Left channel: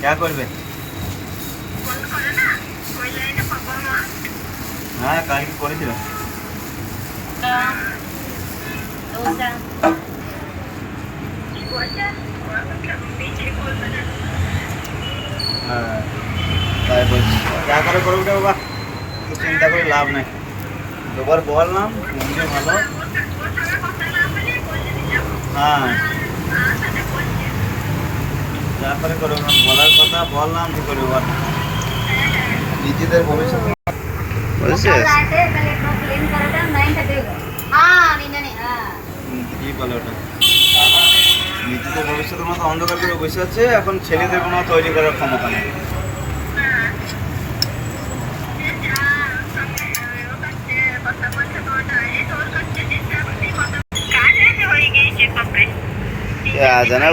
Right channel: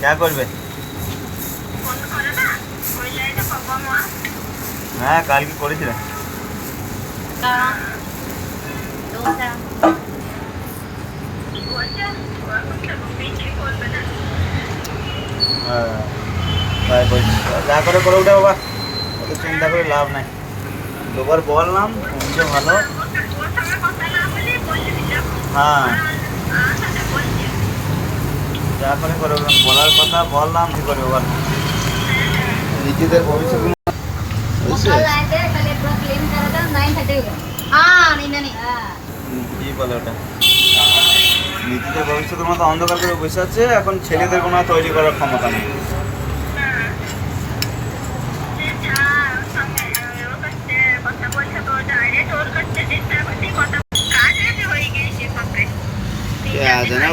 क्या করবে? হ্যাঁ কালকে করেছিলাম। হ্যাঁ তাই বলছি, যা করে করে ওটা বাবা, অত চিন্তা করে লাভ নাই। দুবার বললাম তুমিও ভালো। হ্যাঁ যা করে করে বলার কথা বললাম, কি করে এবার নিজেদের ভবিষ্যৎ বলছে কি বলে ওটা, নিজেদের ভবিষ্যতের মতো অন্ধকার করে বসে আছে। এখন ছেলেদের কোনো তৈরি করার ক্ষমতা নেই। জানা